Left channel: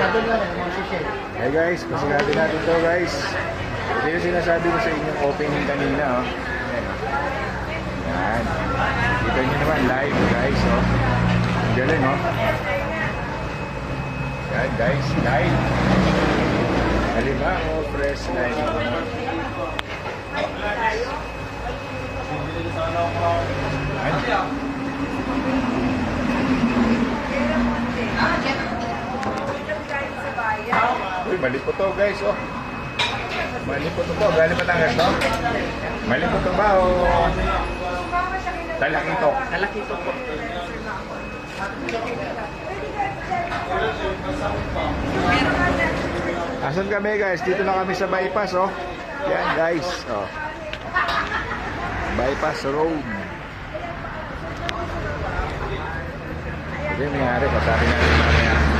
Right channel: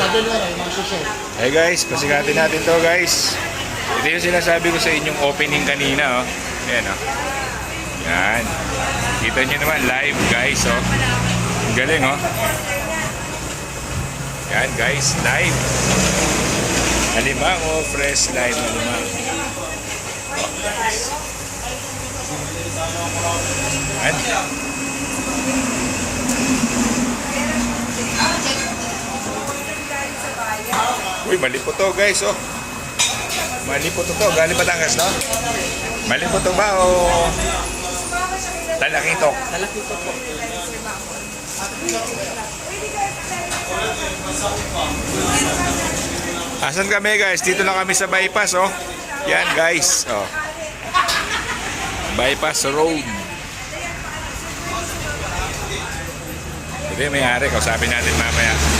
Hey guys, pasikatin natin to guys. Ito yung sinasabi ko sa inyong opening kanina, oh. Ayan, oh. Yan. Kita nyo naman live guys, oh. Ang galing, oh. Yan guys, live. Alimango, fresh live alimango. Yan. Uy, mali po to guys, oh. Mali po to. Galing Batangas, no? Mali po to ba o Talakitok? Talakitok po. Asan kami guys? Dito na kami sa bypass, oh. Yan guys, oh. Bypass road. Ito yung may-ari. Kausapin natin mamaya.